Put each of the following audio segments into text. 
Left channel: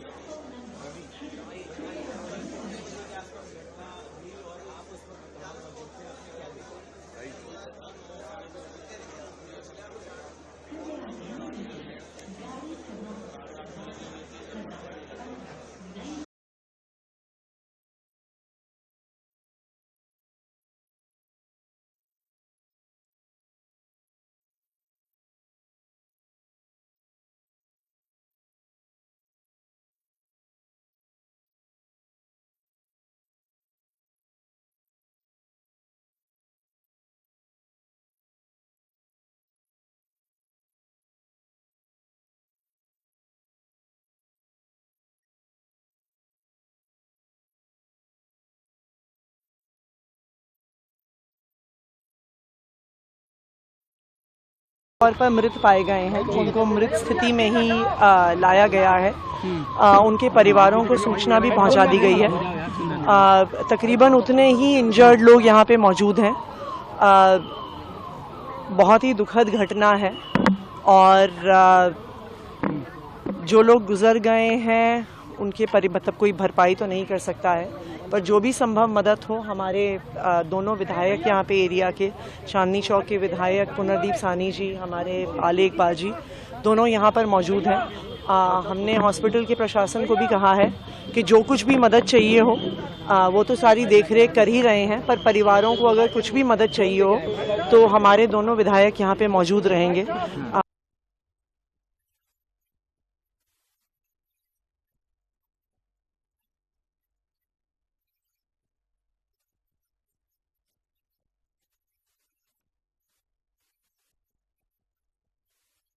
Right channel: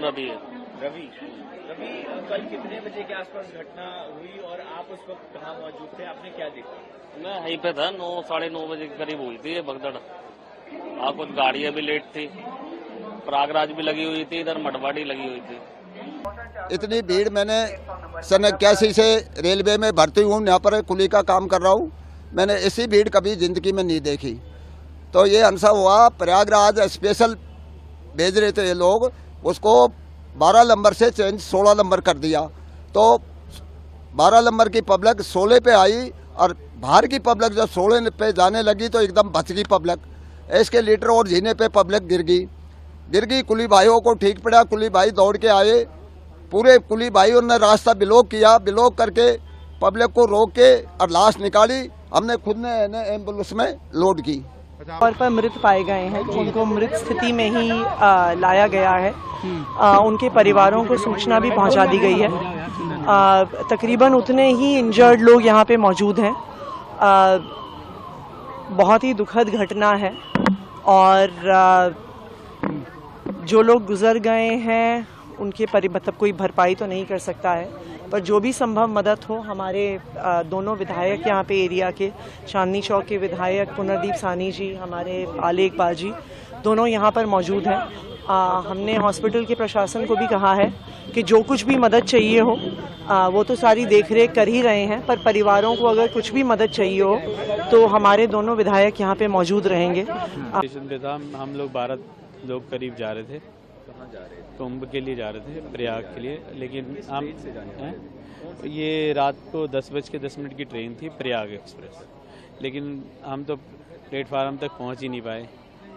रवि है। रवि कल कितने बजे के आसपास घटना हुई और आप उस वक्त कहाँ मौजूद थे, आपने क्या देखा? मैं यहीं पे था, 9-9:30 बजे के करीब हुई थी ये भगदड़। कुछ गाड़ियां भी लेट थी, प्रयागराज भी लगी हुई थी, इधर मटवाड़ी लगी हुई थी। इतनी भीड़ मैंने सन 81 से रेलवे में भर्ती हूँ, यहाँ पर कुली का काम कर रहा हूँ। मैंने ऐसी भीड़ कभी जिंदगी में नहीं देखी। तो ये अनसा हुआ, प्रयागराज स्पेशल भेज रहे थे ये लोग, उसको 12 नंबर से चेंज 16 नंबर कर दिया। तो 12 नंबर की पब्लिक 16 पे आई और बाहर की पब्लिक जब 16 पे जाने लगी तो एकदम बच गई पब्लिक। एस्केलेटर और जीने पे पब्लिक गिर गई। कुली भाइयों को ठीक पड़ा, कुली भाई दौड़ के आए, पूरे कुली भाइयों ने रास्ता ब्लॉक किया, ब्लॉक करके पब्लिक को रोक के और लाश निकाली। हमने खुद ने एम्बुलेंस में लोड की। तौर पर मृत पाए गए हैं, उनको मृत स्थिति में ही लाया गया है। उनके परिवारों को सूचना भी पहुंचा दी गई है। तकरीबन उतने ही इंजर्ड लोग यहाँ पे मौजूद हैं। बहुत ही दुखद घटना है और जो लोग गुजर गए हैं उनके मतलब कोई भरपाई तो नहीं कर सकता है, पर जो भी संभव मदद हो। हमारे दोनों विधायक यहाँ पे एरिया के, चांदनी चौक के विधायक पुनर्दीप सानी जी, हमारे आले इकबाल जी, दोनों यहाँ पर मौजूद हैं। हमने हॉस्पिटल के प्रशासन को भी कहा है कि जो कुछ भी मदद चाहिए हो वो तो सारी देखरेख कर ही रहे हैं, पर परिवारों को अगर कुछ भी मदद चाहिए हो तो हमारे दोनों विधायक यहाँ पे मौजूद रहेंगे। स्टेशन पे था, हम लोग 12 लोग करीब जा रहे थे, कुंभ के लिए जा रहे थे, प्रयाग के लिए। लेकिन हम ये रात को 10:10 की ट्रेन थी, प्रयाग एक्सप्रेस। लेकिन हम तो प्लेटफार्म तक पहुंच ही नहीं पाए,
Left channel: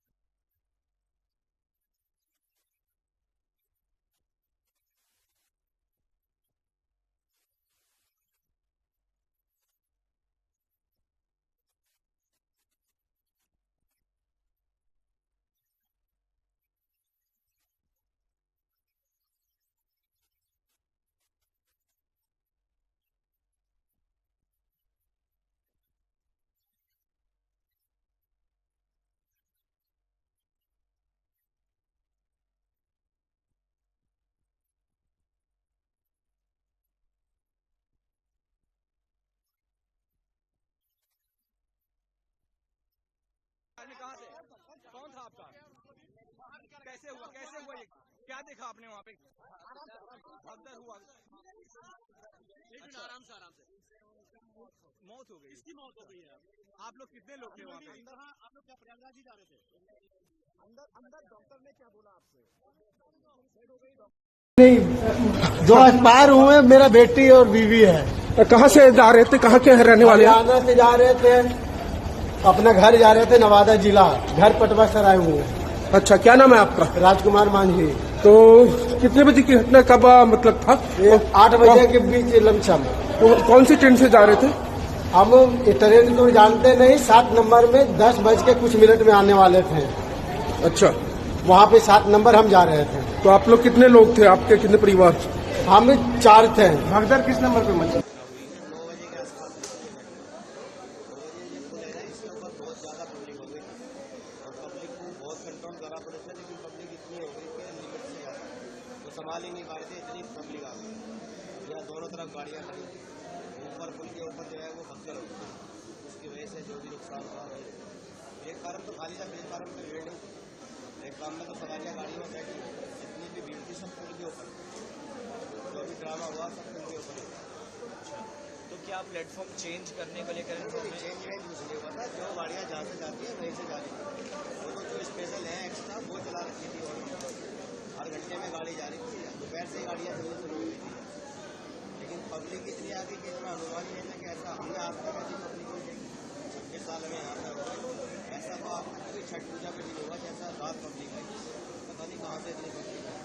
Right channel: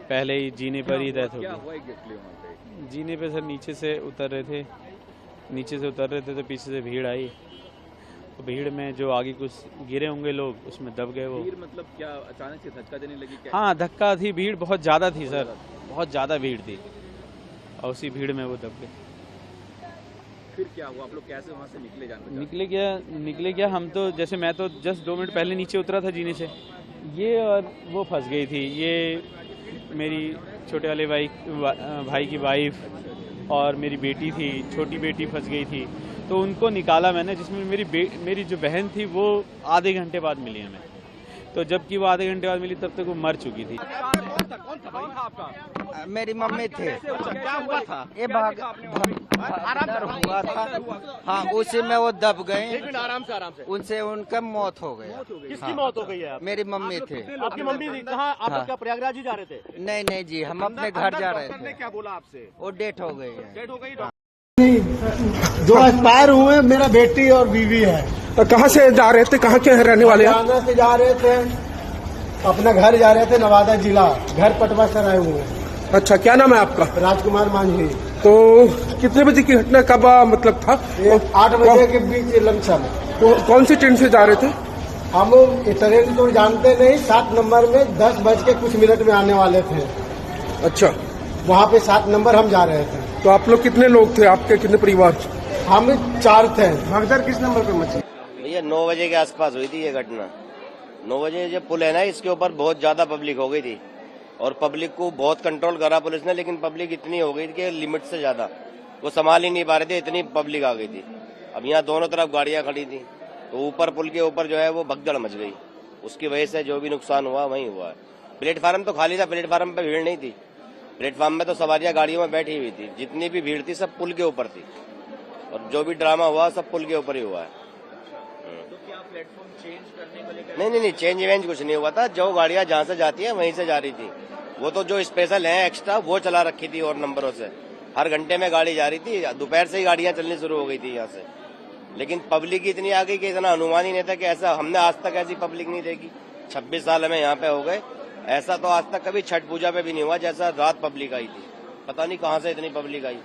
पहले ही जीने पर ही डेथ हो गई। जीने पे सर नीचे से उतर रहे थे तो पीछे से भीड़ आई। तो भीड़ में जो आगे कुछ गिरे होंगे लोग, उसमें दब गए वो। भीड़ मतलब क्या अचानक से धक्का देने लगी क्या? हाँ, धक्का थी, भीड़ बहुत ज़्यादा थी सर, बहुत ज़्यादा भीड़ थी और उसी भीड़ में वो दब गए। फिर क्या हुआ, आप लोग कैसे वहाँ से निकले क्या हम तो, जैसे मैं तो जस्ट 2 मिनट पहले नीचे उतरा था जीने से, ये और वो फंस गई थी। ये मेरी छोटे वाले भाई की वाइफ और मेरी बेटी थी, छोटी बेटी फंस गई थी। तो उनको निकाला मैंने, जिसमें मेरी जो बहन थी वो आधे घंटे बाद मिली हमें। तो जबकि वो आधे घंटे बाद मिली तब तक वो मर चुकी थी। मेरी मम्मी थे। क्या हुआ था? ये भाग हुआ था। हाँ, उसी में वो दब गए। आराम से उनसे उनका मौत हो गया। किसकी मौत हो गई है? मेरी मम्मी थे। आपकी मम्मी थी कहाँ? आप हाँ। क्या प्रयागराज ही जा रहे थे? नहीं जी, हम अपने घर जा रहे थे। क्या बोला आपसे? वो डेथ हो गई है। डेथ हो गई? नहीं, जो एक्सपायर हुए मेरा बेटी और बीवी है। कहाँ से जा रहे थे, कहाँ के रहने वाले हैं? हरियाणा से जा रहे थे, अपना घर जा रहे थे, नवादा जिला, घर पटवा कराए हुए। अच्छा, क्या नाम है आपका? राजकुमार मांझी। तो कितने बजे की घटना, कब मतलब था? 8 बजे के बीच लमसम। कौन सी ट्रेन से जा रहे थे? हम ट्रेन तो जानते नहीं, 7 नंबर में 10 बज के कुछ मिनट में आने वाले थे। अच्छा, वहाँ पे 7 नंबर हम जा रहे थे। तो आप लोग कितने लोग थे, आपके कितने परिवार? हम 4 थे। भगदड़ किस नंबर पे मची? ये 9 बजे के आसपास हुई थी ये घटना। 9 बजे जब पुल है ना, इसके ऊपर बहुत ज्यादा पब्लिक हो गई थी और पब्लिक को बहुत कंट्रोल करा पुलिस ने, लेकिन पब्लिक इतनी हो गई थी कि लिमिट से ज्यादा वो संभाल ही नहीं पा रहे थे, इतनी पब्लिक आ गई थी। अब यहाँ दोनों तरफ गाड़ियां खड़ी थी, तो ऊपर पुल के ऊपर जो है वो भगदड़ मच गई। उसकी वजह से जो भी नुकसान हुआ वही हुआ है। प्लेटफार्म तो खाली था, प्लेटफार्म पे भीड़ नहीं थी। प्लेटफार्म में तो सवारियां गाड़ियों में बैठी हुई थी, जितनी भी भीड़ थी सब पुल के ऊपर थी और जो भी ड्रामा हुआ सब पुल के ऊपर ही हुआ है। तो क्या प्लेटफॉर्म चेंज करने को लेकर? नहीं, चेंज वेंज कुछ नहीं हुआ था। जो गाड़ियां जहाँ से जाती हैं वहीं से जा रही थी। वो तो जो स्पेशल है एक्स्ट्रा वो चला रखी थी और नंबरों से हर घंटे में गाड़ी जा रही थी। दोपहर से ही गाड़ियां चलनी शुरू हो गई थी यहाँ से, लेकिन पब्लिक इतनी आ गई कि इतना अनुमान ही नहीं था कि ऐसा, हमने आज तक ऐसी पब्लिक नहीं देखी। 26 साल हमें यहाँ पे हो गए, ऐसा तो आज तक कभी छठ पूजा पे भी नहीं हुआ जैसा रात पब्लिक आई थी। पता नहीं कहाँ से इतनी पब्लिक आई।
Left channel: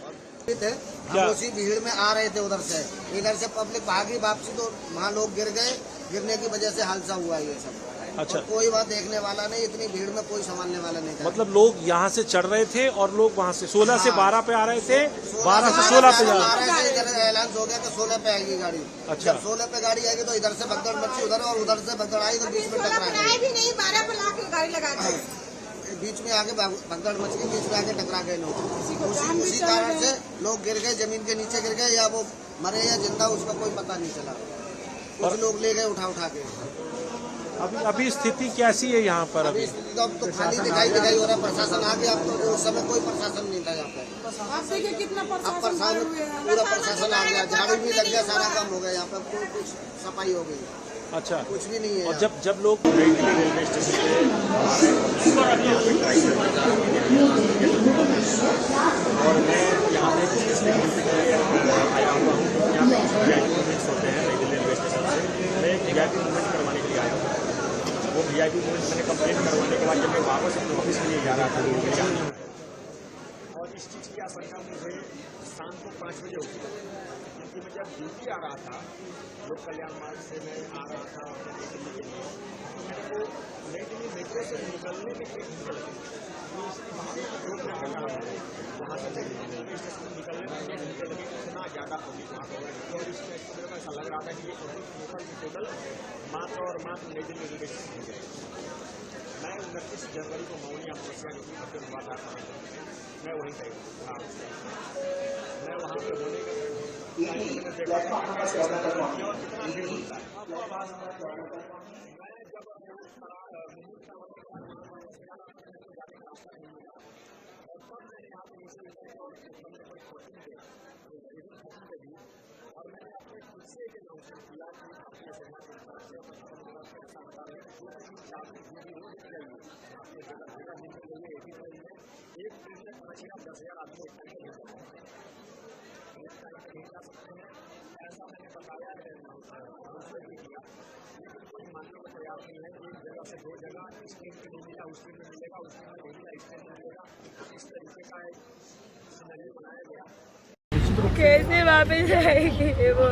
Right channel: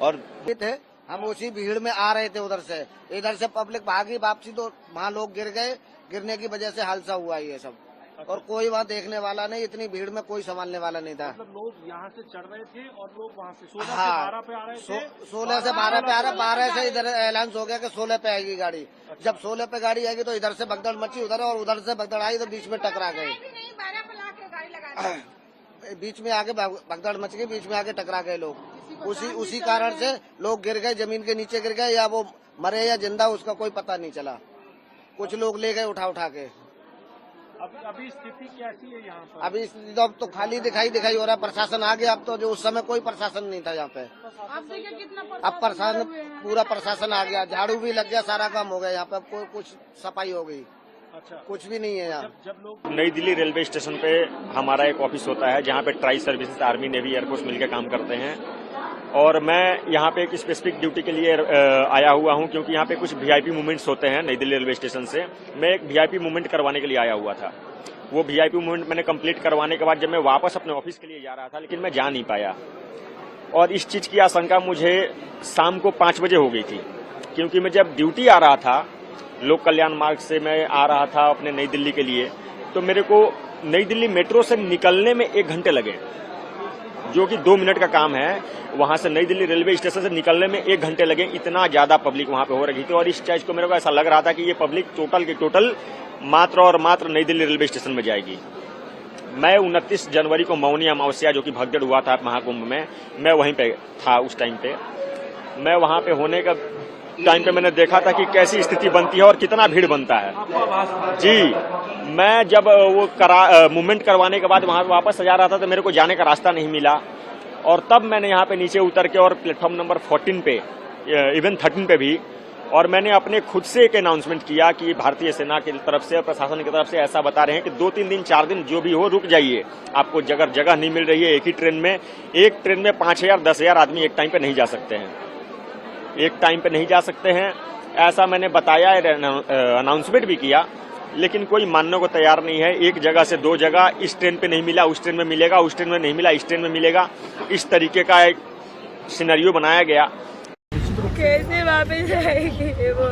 और थे हम उसी भीड़ में आ रहे थे, उधर से पब्लिक भागी वापसी, तो वहाँ लोग गिर गए। गिरने की वजह से हादसा हुआ ये सब। अच्छा। और कोई बात देखने वाला नहीं, इतनी भीड़ में कोई संभालने वाला नहीं था। मतलब लोग यहाँ से चढ़ रहे थे और लोग वहाँ से 16 से 12 पे आ रहे थे, 12 से 16 पे 12 से इधर ऐलान हो गया कि 16 पे आएगी गाड़ी। अच्छा। जब 16 पे गाड़ी आएगी तो इधर से भगदड़ मची उधर, और उधर से भगदड़ आई तो बीच में टकरा गई। बीच में आके भगदड़ मच गई, बीच में आके टकरा गए लोग। उसी कारण से लोग गिर गए, जमीन के नीचे गिर गए, या वो मरे या जिंदा उसका कोई पता नहीं चला। कुछ लोग ले गए उठा के। अभी स्थिति कैसी है यहाँ पर? अभी स्थिति तो अब तो खाली दिखाई हो रहा। प्रशासन आ गया, अब तो उस समय कोई प्रशासन नहीं था यहाँ पे। अब पूरा प्रशासन आ गया, झाड़ू भी लग गया, सारा काम हो गया यहाँ पे। अब कुछ सफाई हो गई। अच्छा, कुछ भी नहीं है। और जब लोग नई दिल्ली रेलवे स्टेशन पे हमारा एक ऑफिस होता है, यहाँ पे tri service army navy air force मिल के काम करते हैं। और मैं यहाँ पे एक स्पेसिफिक ड्यूटी के लिए आया हुआ हूँ, क्योंकि यहाँ पे कुछ वीआईपी मूवमेंट्स होते हैं नई दिल्ली रेलवे स्टेशन से। मैं एक वीआईपी मूवमेंट करवाने के लिए आया हुआ था। वो वीआईपी मूवमेंट मैंने कंप्लीट करवाने के बाद जब मैं वापस अपने ऑफिस के लिए जा रहा था, मैं जा नहीं पाया। और इस चीज़ की आशंका मुझे शाम को 5 बजे हो गई थी, क्योंकि मैं जब ड्यूटी आ रहा था, लोक कल्याण मार्ग से मैं आ रहा था अपने नई दिल्ली के लिए, तो मेरे को नई दिल्ली मेट्रो से निकलने में 1 घंटे लगे, जो कि 2 मिनट का काम है। वहां से नई दिल्ली रेलवे स्टेशन से निकलने में 1 घंटे लगे। इतना ज्यादा पब्लिक वहां पे हो रही थी, और इस चीज को मेरे को ऐसा लग रहा था कि ये पब्लिक टोटल की टोटल मात्र और मात्र नई दिल्ली रेलवे स्टेशन में जाएगी। मैं 29 जनवरी को मौनी अमावस्या, जो कि भगदड़ हुआ था महाकुंभ में, मैं वहीं पे था उस टाइम पे। मैं वहां पे होने का टाइम पे मैंने देखा था कि कैसी स्थिति बनती है और कितना भीड़ बनता है। जी, मैं जब वो मूवमेंट करवाने के बाद वहां वापस जा रहा था, तो मेरे को जाने का रास्ता नहीं मिला। और तब मैंने यहाँ पे नीचे उतर के, और प्लेटफॉर्म नंबर 14 पे, इवन 13 पे भी, और मैंने अपने खुद से एक अनाउंसमेंट किया कि भारतीय सेना की तरफ से और प्रशासन की तरफ से ऐसा बता रहे हैं कि 2-3 दिन 4 दिन जो भी हो रुक जाइए, आपको जगह नहीं मिल रही है। एक ही ट्रेन में 5,000 10,000 आदमी एक टाइम पे नहीं जा सकते हैं, एक टाइम पे नहीं जा सकते हैं। ऐसा मैंने बताया, अनाउंसमेंट भी किया, लेकिन कोई मानने को तैयार नहीं है। एक जगह से 2 जगह, इस ट्रेन पे नहीं मिला उस ट्रेन में मिलेगा, उस ट्रेन में नहीं मिला इस ट्रेन में मिलेगा, इस तरीके का एक सिनेरियो बनाया गया। कैसे वापस आएगी वो?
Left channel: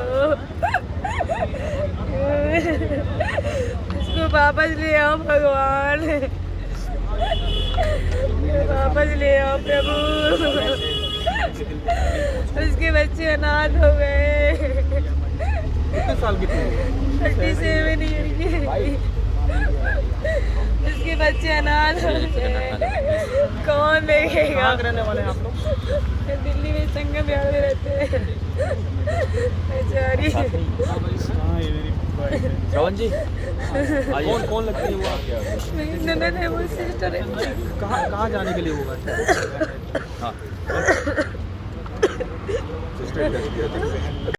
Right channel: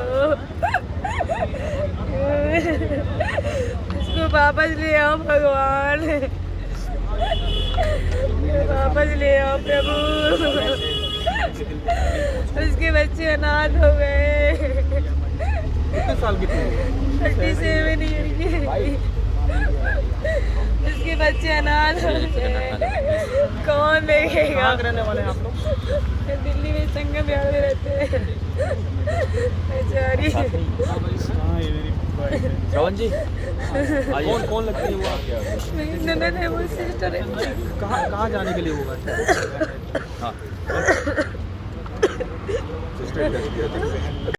उसको वापस ले आओ भगवान, वापस ले आओ प्रभु। उसके बच्चे अनाथ हो गए। कितने साल की थी? 37 ईयर की। उसके बच्चे अनाथ हो गए, कौन देखेगा? कहाँ रहने वाले हैं आप लोग? दिल्ली में संगम विहार में रहते हैं। बेचारी। श्रवण जी, कौन लगती है वो? मेरी ननद है, वो सिस्टर है। कहाँ जाने के लिए होगा? हाँ।